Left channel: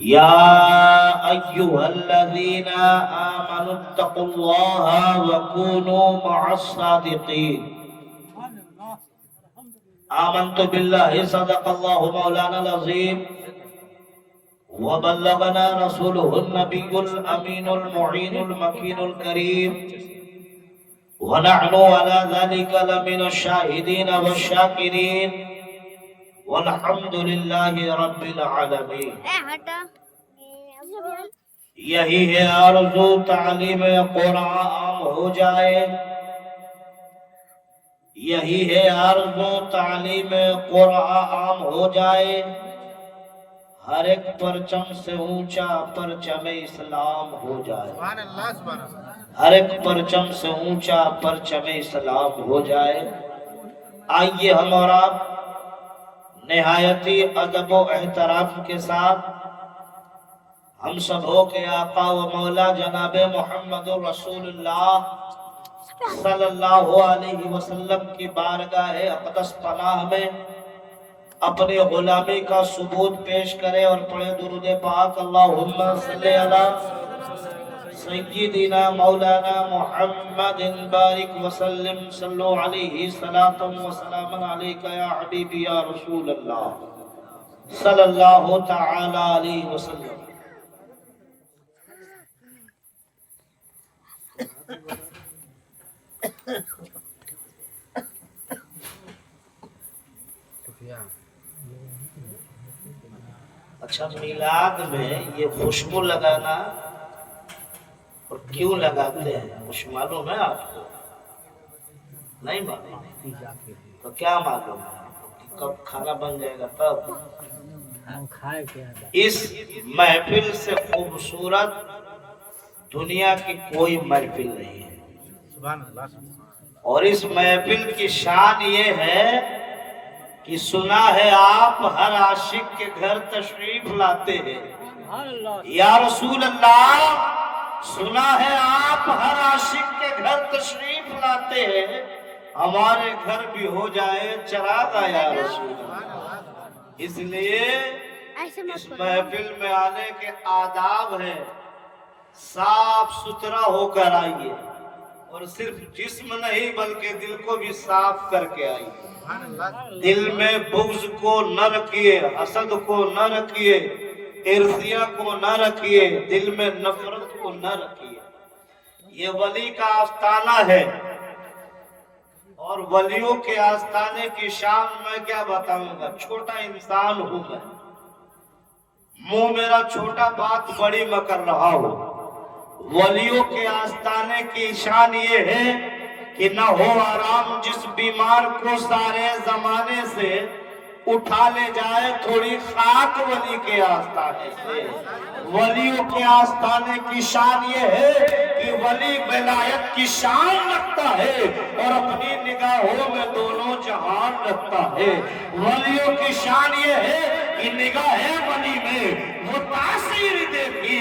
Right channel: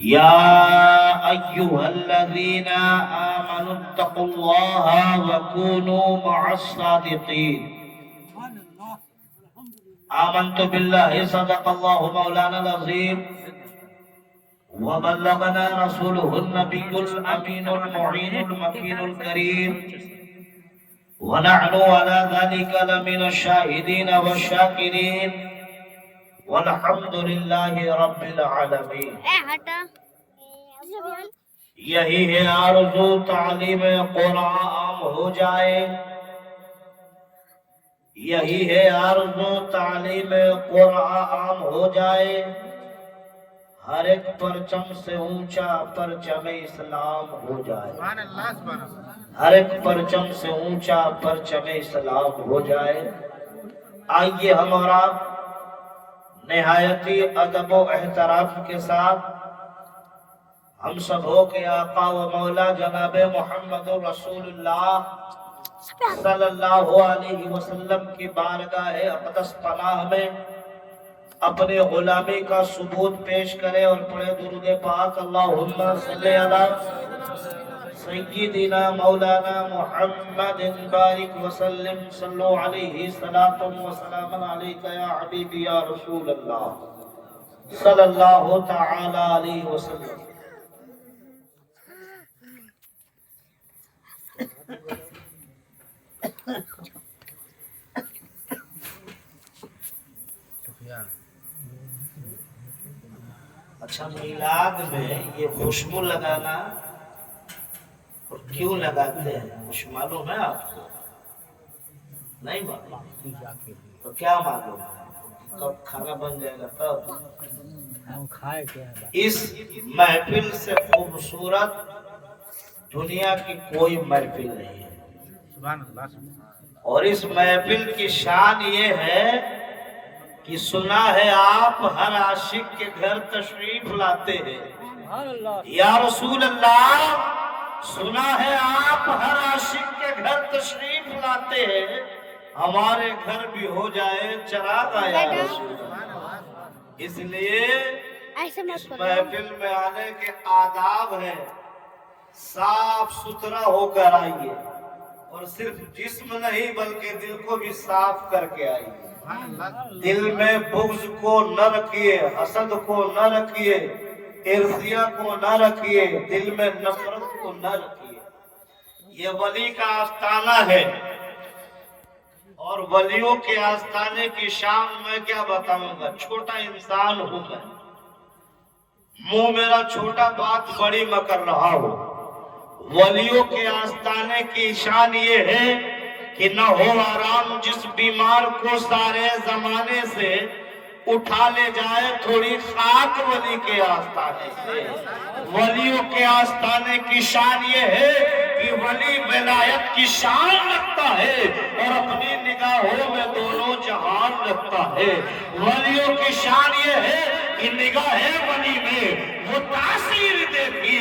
يا أيها الذين آمنوا اتقوا الله وكونوا مع الصادقين. آمنت بالله صدق الله مولانا العظيم وبلغنا رسوله النبي الأمين المعين المكين الكريم ونحن على ذلك لمن الشاهدين والشاكرين والحمد لله رب العالمین. یہی ہے آرزو تعلیم قرآن عام ہو جائے، یہی ہے آرزو تعلیم قرآن عام ہو جائے، ہر ایک پرچم سے اونچا پرچم اسلام ہو جائے، ہر ایک پرچم سے اونچا پرچم اسلام ہو جائے. آئیے ہم اور آپ نہایتی ادب و احترام کے ساتھ ہم سبوں کے آقا و مولا جناب محمد رسول اللہ صلی اللہ علیہ وسلم کی بارگاہ اقدس پناہ میں اپنی غلامی کا ثبوت پیش کرے اور پڑھے درود پاک اللہم صلی علی سیدنا مولانا محمد بارک وسلم صلو علیہ صلاۃ و سلام علیک یا حبیبی یا رسول اللہ صلی اللہ تعالی علیہ وسلم. اچھا، میلاد میں یہ خوشبو لگانا اور کیوں لگاتے ہیں کچھ معلوم ہے آپ کو؟ نہیں معلوم تو کیا معلوم ہے؟ کب کھانا بن جائے گا تب. اس محفل سے خوبصورت دنیا کی کوئی محفل نہیں ہے، اور اس محفل کی شان یہ ہے کہ سنا ہے آپ ہر عاشق کے گھر تشریف لاتے ہیں. یا رسول اللہ، سنا ہے آپ ہر عاشق کے گھر تشریف لاتے ہیں، ہمارے گھر بھی ہو جائے چراغا یا رسول اللہ. اس لیے اس محفل میں آنے کے آداب ہیں. صاف ستھرا ہو کر آئیے، اور صرف جسم نہیں بلکہ دل کو بھی صاف کر کے آئیے. دل میں بغض کو نہ رکھیے، حسد کو نہ رکھیے، عرضیہ کو نہ رکھیے، دل میں نفرت کو نہ رکھیے. یہ ولی کا آستانہ ہے، اور ولیوں کے آستانے کی شان میں کیا بتاؤں گا. چھوٹا انسان ہوں میں، منہ میرا چھوٹا بات بڑی میں کر رہا ہوں. ولیوں کے آستانے کی شان یہ ہے کہ نہ ہو آرام جس بیمار کو سارے زمانے سے اٹھا لے جائے تھوڑی خاک ولی کے آستانے سے. ولیوں کے آستانے کی شان یہ ہے کہ ولی ولایت کی شان رکھتا ہے اور اپنی نگاہوں میں دونوں جہان رکھتا ہے. ولیوں کی شان یہ ہے کہ نگاہ ولی میں وہ تاثیر دیکھی،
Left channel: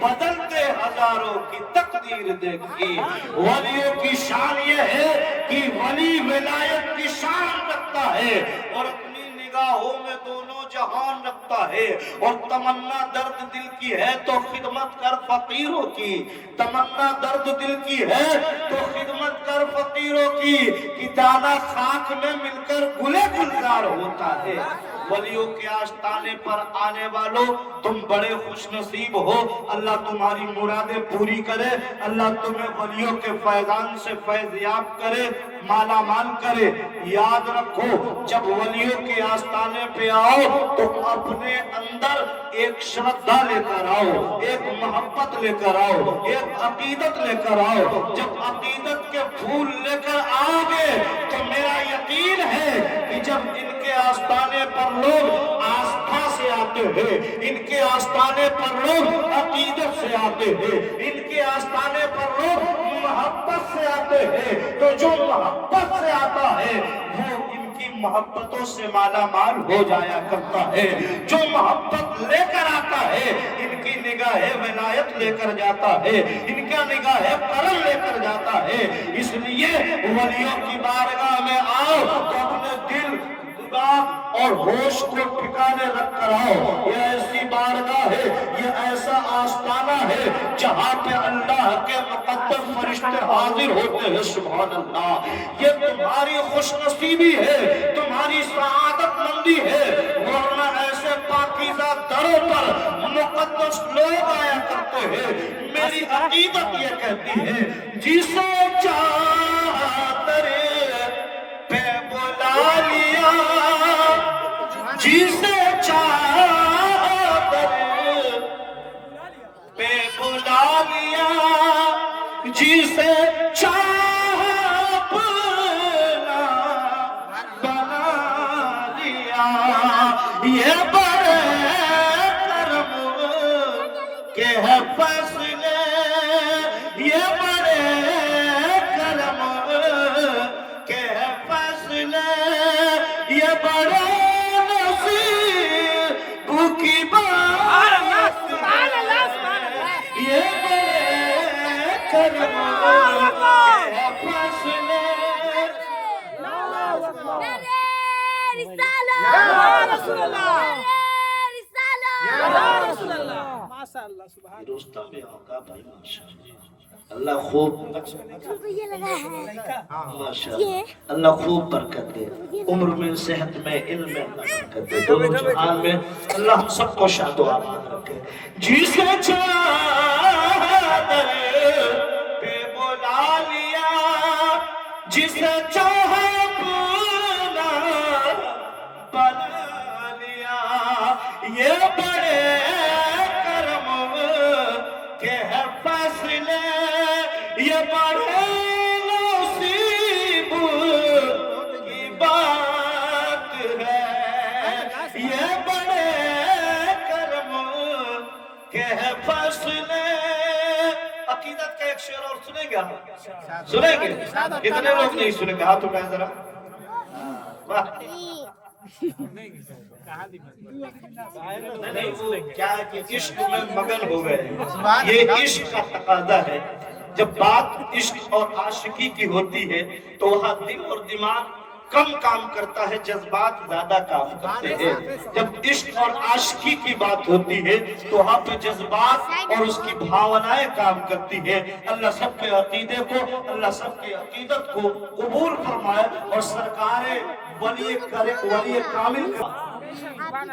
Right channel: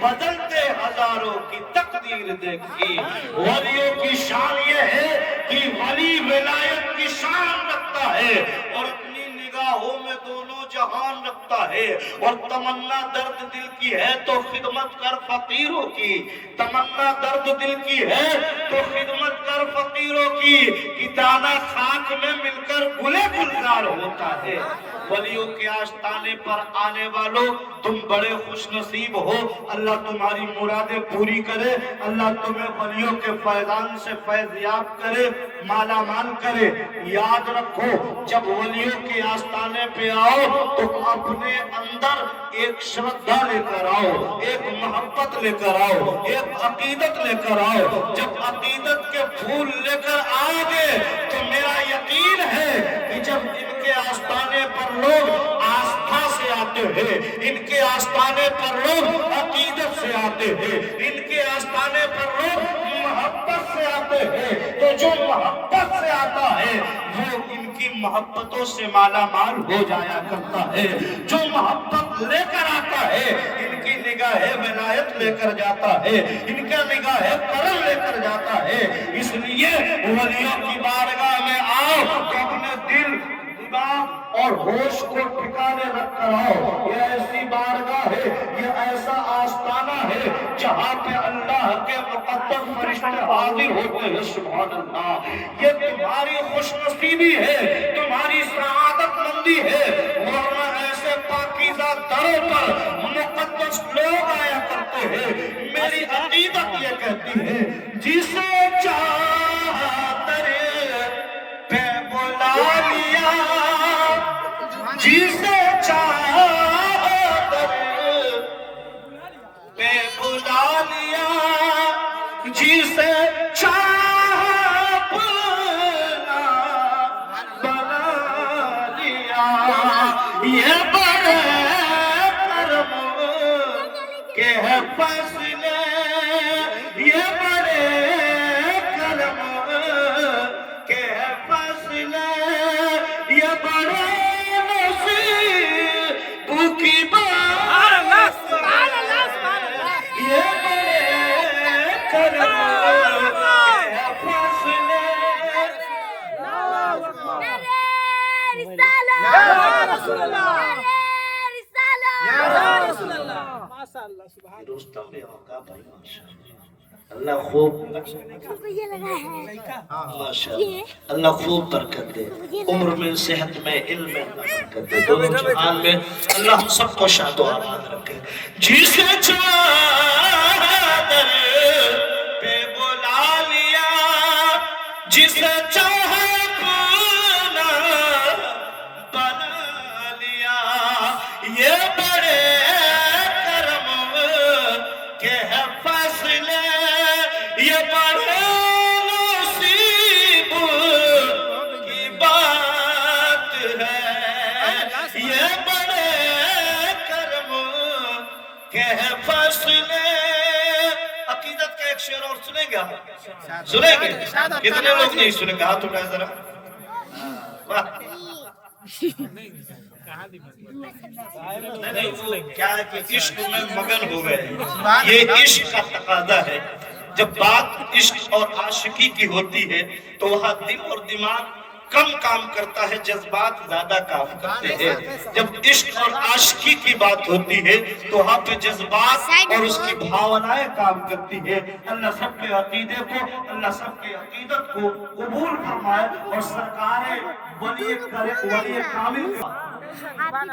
بدلتے ہزاروں کی تقدیر دیکھی. ولیوں کی شان یہ ہے کہ ولی ولایت کی شان رکھتا ہے اور اپنی نگاہوں میں دونوں جہان رکھتا ہے. اور تمنا درد دل کی ہے تو خدمت کر فقیروں کی، تمنا درد دل کی ہے تو خدمت کر فقیروں کی، کہ دانا خاک میں مل کر گلے گلزار ہوتا ہے. ولیوں کے آستانے پر آنے والوں تم بڑے خوش نصیب ہو. اللہ تمہاری مرادیں پوری کرے، اللہ تمہیں ولیوں کے فیضان سے فیض یاب کرے، مالا مال کرے. یاد رکھو، جب ولیوں کے آستانے پہ آؤ تو اپنے اندر ایک شردھا لے کر آؤ، ایک محبت لے کر آؤ، ایک عقیدت لے کر آؤ. جب عقیدت کے پھول لے کر آؤ گے تو میرا یقین ہے کہ جب ان کے آستانے پر لوگ آستھا سے آتے ہیں، ان کے آستانے پر لوگ عقیدت سے آتے ہیں، ان کے آستانے پر لوگ محبت سے آتے ہیں، تو جو محبت سے آتا ہے وہ ان کی محبتوں سے مالا مال ہو جایا کرتا ہے. جو محبت لے کر آتا ہے ان کی نگاہ ولایت لے کر جاتا ہے، ان کا نگاہ کرم لے کر جاتا ہے. اس لیے ولیوں کی بارگاہ میں آؤ تو اپنے دل، دماغ اور ہوش کو ٹھکانے رکھ کر آؤ. یہ ایسی بارگاہ ہے کے مقدس فرشتے حاضر ہوتے ہیں. سبحان اللہ. یہ تمہاری خوش نصیبی ہے, تمہاری سعادت مندی ہے, ورنہ ایسے پاکیزہ دروں پر مقدس لوگ آیا کرتے ہیں. میری عقیدت یہ کہتی ہے جسے چاہا تیرے پہ بلا لیا, جسے چاہا تیرے پہ بلا لیا, جسے چاہا اپنا بنا لیا. یہ بڑے کرم کے ہے فیصلے, یہ بڑے کرم کے ہے فیصلے, یہ بڑے نصیب کی بات, یہ بڑے کرم کے ہے فیصلے. رستم بھی ہوگا بھائی ماشاءاللہ. اللہ خوب ماشاءاللہ, اللہ خوب برکت دے, عمر میں, صحت میں, علم میں اللہ برکت دے, دونوں جہان میں اللہ ہم سب کو شاد و آباد رکھے. جسے چادر پہ بلا لیا, جسے چاہا اپنا بنا لیا, یہ بڑے کرم کے ہے فیصلے, یہ بڑے نصیب کی بات ہے, یہ بڑے کرم کے ہے فیصلے. عقیدت کا ایک شعر اور سنیں گے, سنیں گے کتنے لوگ نہیں سنیں گے؟ ہاتھ اٹھائیں ذرا. کیا ہے کہ عشق میں مگن ہو گئے, یہ عشق کا تقاضا ہے. جب بات عشق اور عاشقی کی ہوتی ہے تو وہاں دل اور دماغ کم کام کرتا ہے, جذبات زیادہ کام کرتے ہیں. جب عشق اور عاشقی کی بات ہوتی ہے تو وہاں پہ جذبات اور اس کی بھاونائیں کام کرتی ہے. اللہ سب کے عقیدے کو, اللہ سب کے عقیدت کو قبول فرمائے اور سرکار ولی کامل کا.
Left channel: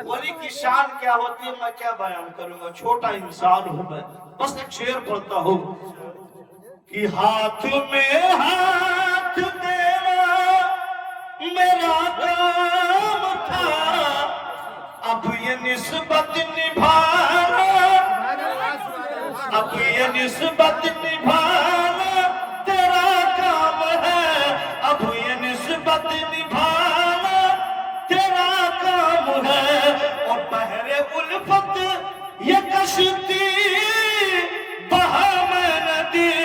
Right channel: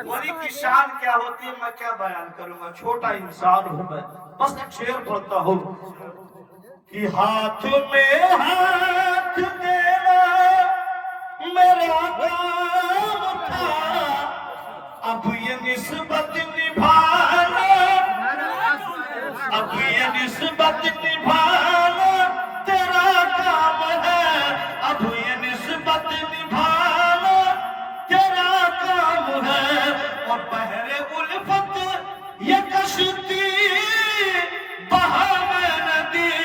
ولی کی شان کیا ہوتی ہے میں کیا بیان کروں گا, چھوٹا انسان ہوں میں, بس ایک شعر پڑھتا ہوں کہ ہاتھ میں ہاتھ دینا میرا کام تھا, اب یہ نسبت نبھانا, اب یہ نسبت نبھانا تیرا کام ہے, اب یہ نسبت نبھانا تیرا کام ہے. اور بحر الفت یہ کشتی بہا میں ندی,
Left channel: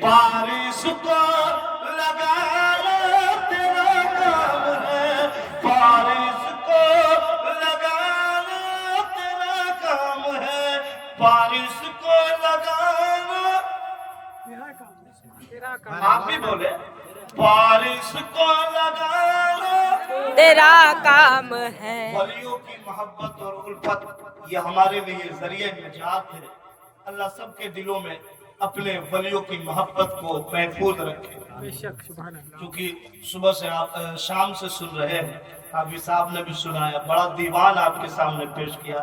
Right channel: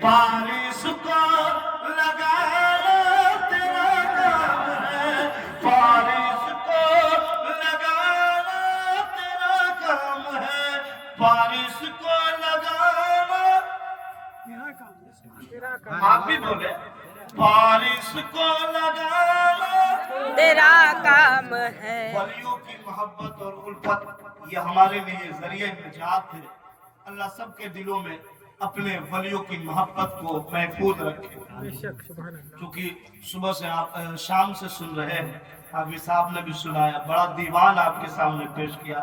بارش کو لگانا تیرا کام ہے, بارش کو لگانا تیرا کام ہے, بارش کو لگانا آپ بھی بولے, بارش کو لگانا تیرا کام ہے. ولیوں کی محبت اور الفت یہ ہمارے لیے ذریعہ نجات ہے. اللہ سب کے دلوں میں اپنے ولیوں کی محبت کو محفوظ رکھے. کیونکہ صبح سے آپ شام سے سن رہے ہیں, حافظ صاحب نے بھی سنایا, بڑا دیوان آپ کے سامنے پیش کیا,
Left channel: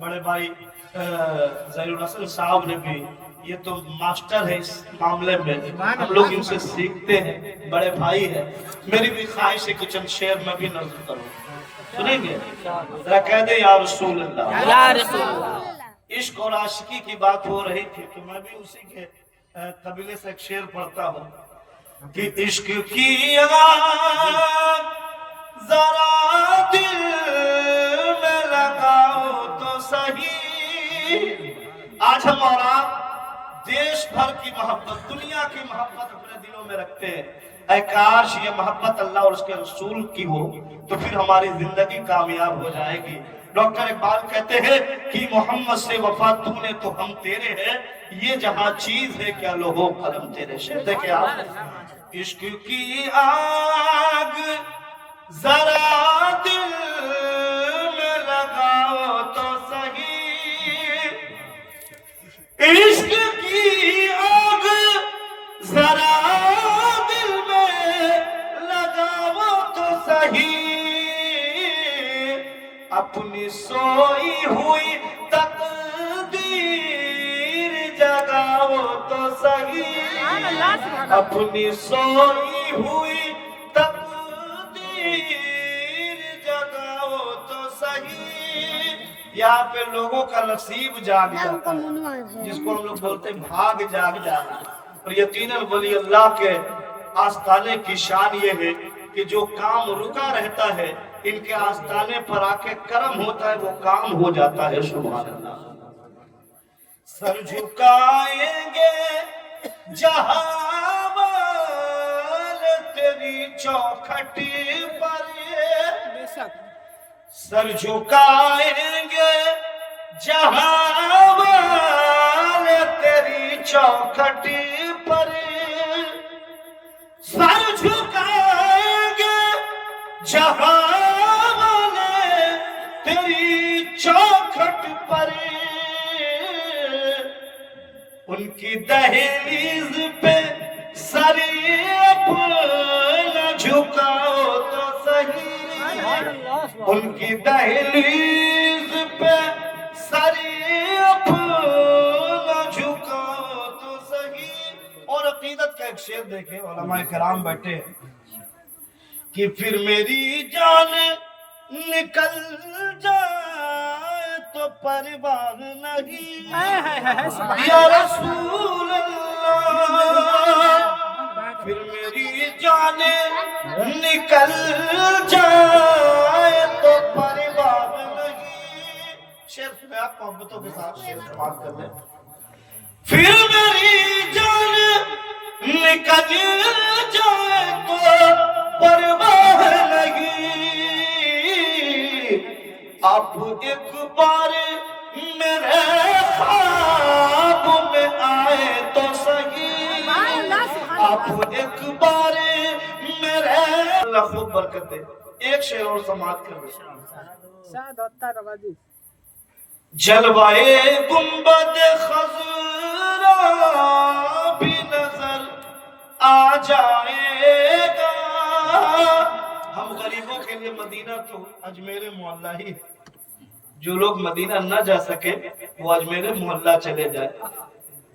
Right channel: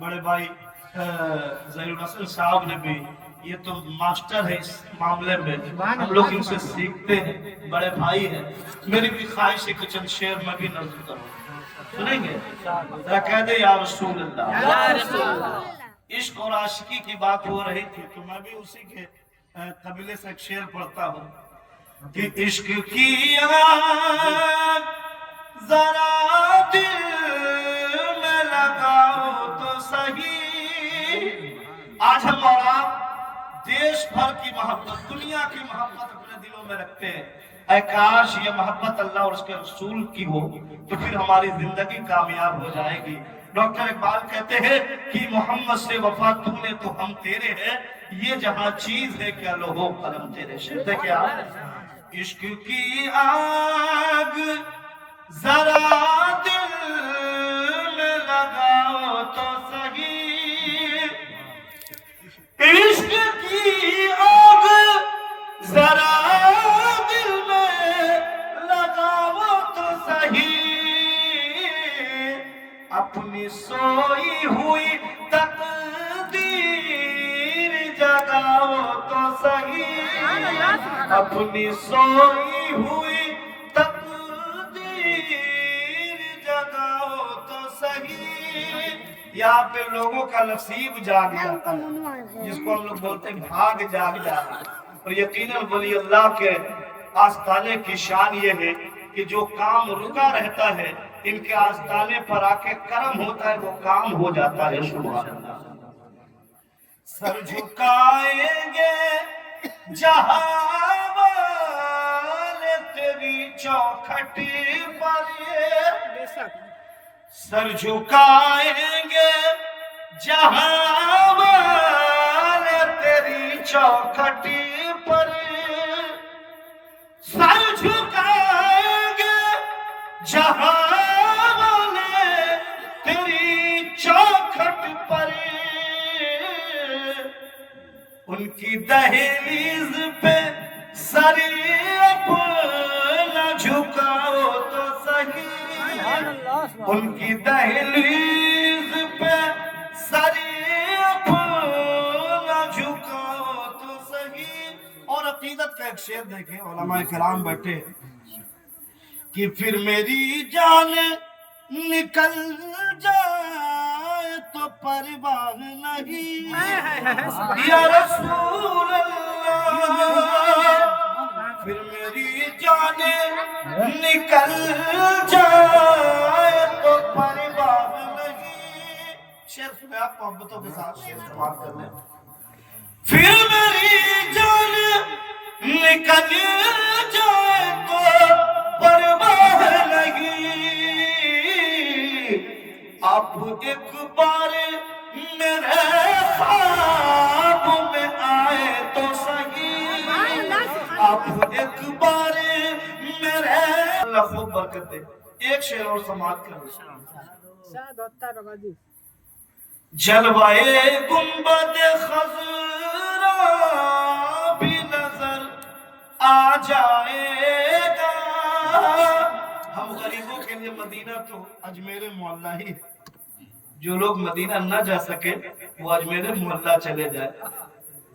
بڑے بھائی ظہیر الحسن صاحب نے بھی, یہ تو ماسٹر ہے اس معاملے میں, ہم لوگ ان سے سیکھتے ہیں, بڑے بھائی ہیں. میری بھی خواہش ہے کہ چند شعر میں بھی نظر کروں, سنیں گے؟ ذرا کہہ دیں یا رسول اللہ, یا رسول اللہ. عشق اور عاشقی کی بات ہو رہی تھی تو میں بھی اسی کے قبیلے سے ایک شعر پڑھتا ہوں کہ عشق کی آگ ذرا دل میں لگاؤ تو صحیح. آج ہم اور آپ دیش بھر کی محبت, دنیا کی محبت اپنے دلوں میں رکھتے ہیں. اے کاش یہ محبت اللہ اور اس کے رسول کی ہو تو پھر ہماری زندگی کامیاب ہو جائے گی. ڈاکٹر اقبال کہتے ہیں کہ محمد سے وفا تو نے تو ہم تیرے ہیں, یہ جہاں چیز ہے کیا لوہو قلم تیرے. شہد ہے کیا عشق کی آگ ذرا دل میں لگاؤ تو صحیح, عشق کی آگ اپنی سوئی ہوئی تقدیر جگاؤ تو صحیح، اپنی سوئی ہوئی تقدیر جگاؤ تو صحیح۔ یہاں پہ لوگوں کا نصیب جاگ جاتا ہے، جس کو ہم لوگ بولتے ہیں بھاگ جاگ جاتا ہے۔ اور یقیناً ولی اللہ کے آستانے کی شان یہ ہے کہ جو کام رکا رہتا ہے ان کے آستانے پر آ کے کرم ہوتا ہے، وہ کام ہو جاتا ہے۔ سبحان اللہ۔ سر جھکائیں گے جہاں والے تیری چوکھٹ پر، سر جھکائیں گے جہاں والے تیری چوکھٹ پر، سر جھکائیں گے جہاں والے تیری چوکھٹ پر، ان کی دہلیز پہ سر اپنا جھکاؤ تو صحیح، ان کی دہلیز پہ سر اپنا جھکاؤ تو صحیح۔ اور عقیدت کا ایک شعر دیکھیں، علماء کرام بیٹھے کہ پھر میری جان نکل جائے تو پرواہ نہیں یا رسول اللہ، پھر میری جان نکل جائے تو پرواہ نہیں۔ شعر میں آپ محبتوں کے ساتھ شعر سماعت کر لیں۔ پھر میری جان نکل جائے تو پرواہ نہیں، آپ ایک بار میرے خواب میں آئے تو صحیح، آپ ایک بار میرے، اللہ خوب برکت دے۔ ایک شعر اور سماعت کر لیں۔ جلوائے گنبد خضرا بھی نظر آ جائے گا، ہم غریبوں کے لیے مدینہ تو اجمیر محلہ ہی ہے، جو لوگ مدینہ نہ جا سکے وہ اجمیر محلہ چلے جائے،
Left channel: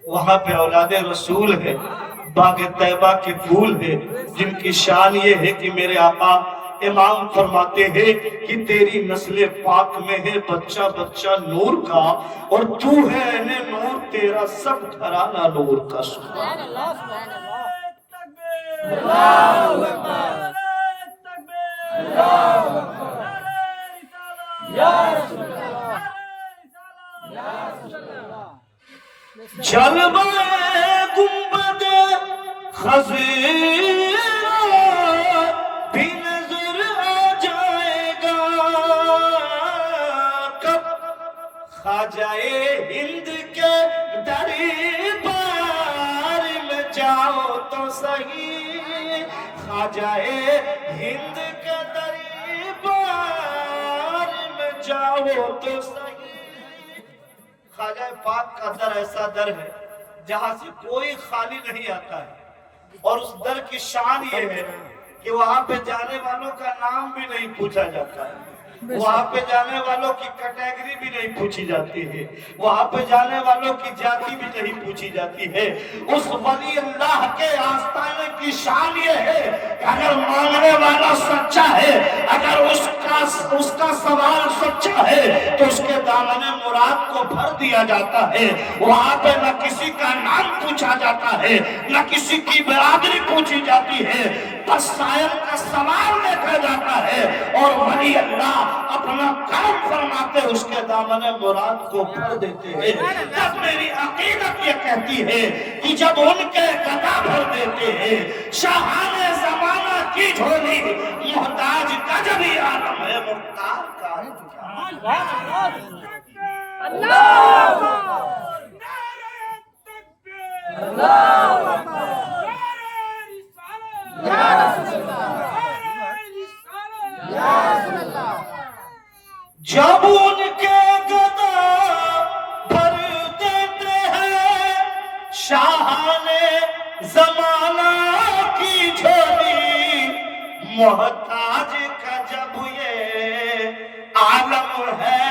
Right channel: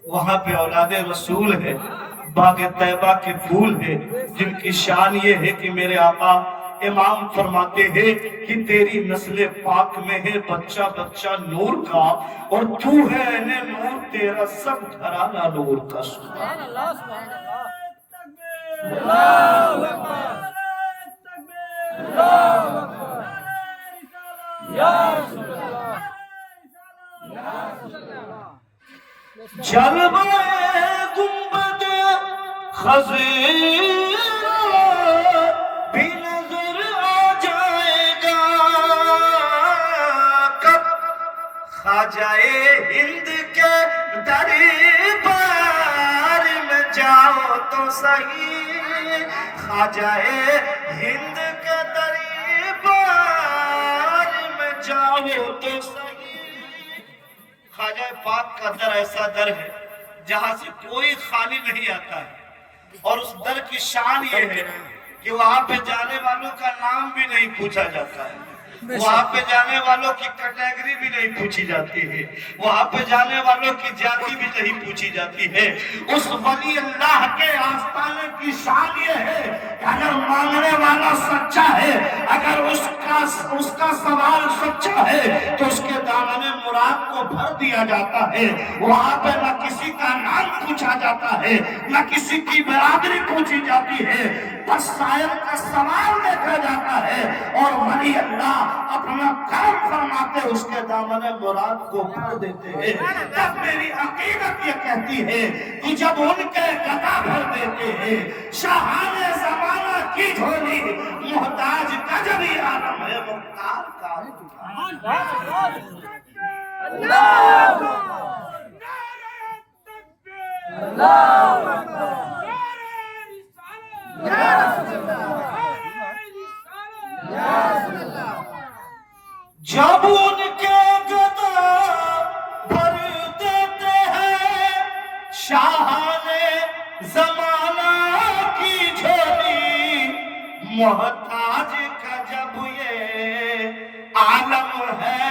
وہاں پہ اولاد رسول ہے، باغ طیبہ کے پھول ہے، جن کی شان یہ ہے کہ میرے آقا امام فرماتے ہیں کہ تیری نسل پاک میں ہے بچہ بچہ نور کا، اور تو ہے اہل نور، تیرا سب گھرانہ نور کا۔ سبحان اللہ، سبحان اللہ، اللہ اکبر، اللہ اکبر، یا رسول اللہ، یا رسول اللہ۔ جلوائے گنبد خضرا بھی نظر آ جائے گا، کب خواجہ ہند کے دربار میں جاؤ تو صحیح، خواجہ ہند کے دربار میں جاؤ تو صحیح۔ خواجہ پاک کا در ایسا در ہے جہاں سے کوئی خالی نہیں آتا ہے، اور اس در کی شان یہ ہے کہ وہاں پہ جانے والوں کا نام بھی نہیں پوچھا جاتا ہے، وہاں پہ جانے والوں کی کیٹیگری بھی نہیں پوچھی جاتی ہے، وہاں پہ جانے والوں کی جاتی بھی نہیں پوچھی جاتی ہے۔ اس ولی اللہ کے آستانے کی شان یہ ہے کہ اگر مانگنے والا سچا ہے، اگر اس کا سوال سچا ہے تو اس کے دامن مراد کو بھر دیا جاتا ہے، وہاں پہ نہ کسی کا نام پوچھا جاتا ہے، نہ کسی کی برادری پوچھی جاتی ہے، بس صاحب کا سوال دیکھا جاتا ہے، اور ولی اللہ اپنا کام فرماتے اس کے دامن مراد کو بھر دیتے ہیں۔ جب میری عقیدت یہ کہتی ہے کہ جب ان کے گدا بھر دیتے ہیں، شاہان زمانہ کی جھولی محتاج کا جب ہی عالم ہے، مختار کا جب ان کے گدا بھر دیتے ہیں، شاہان زمانہ کی جھولی محتاج کا جب یہ عالم ہے،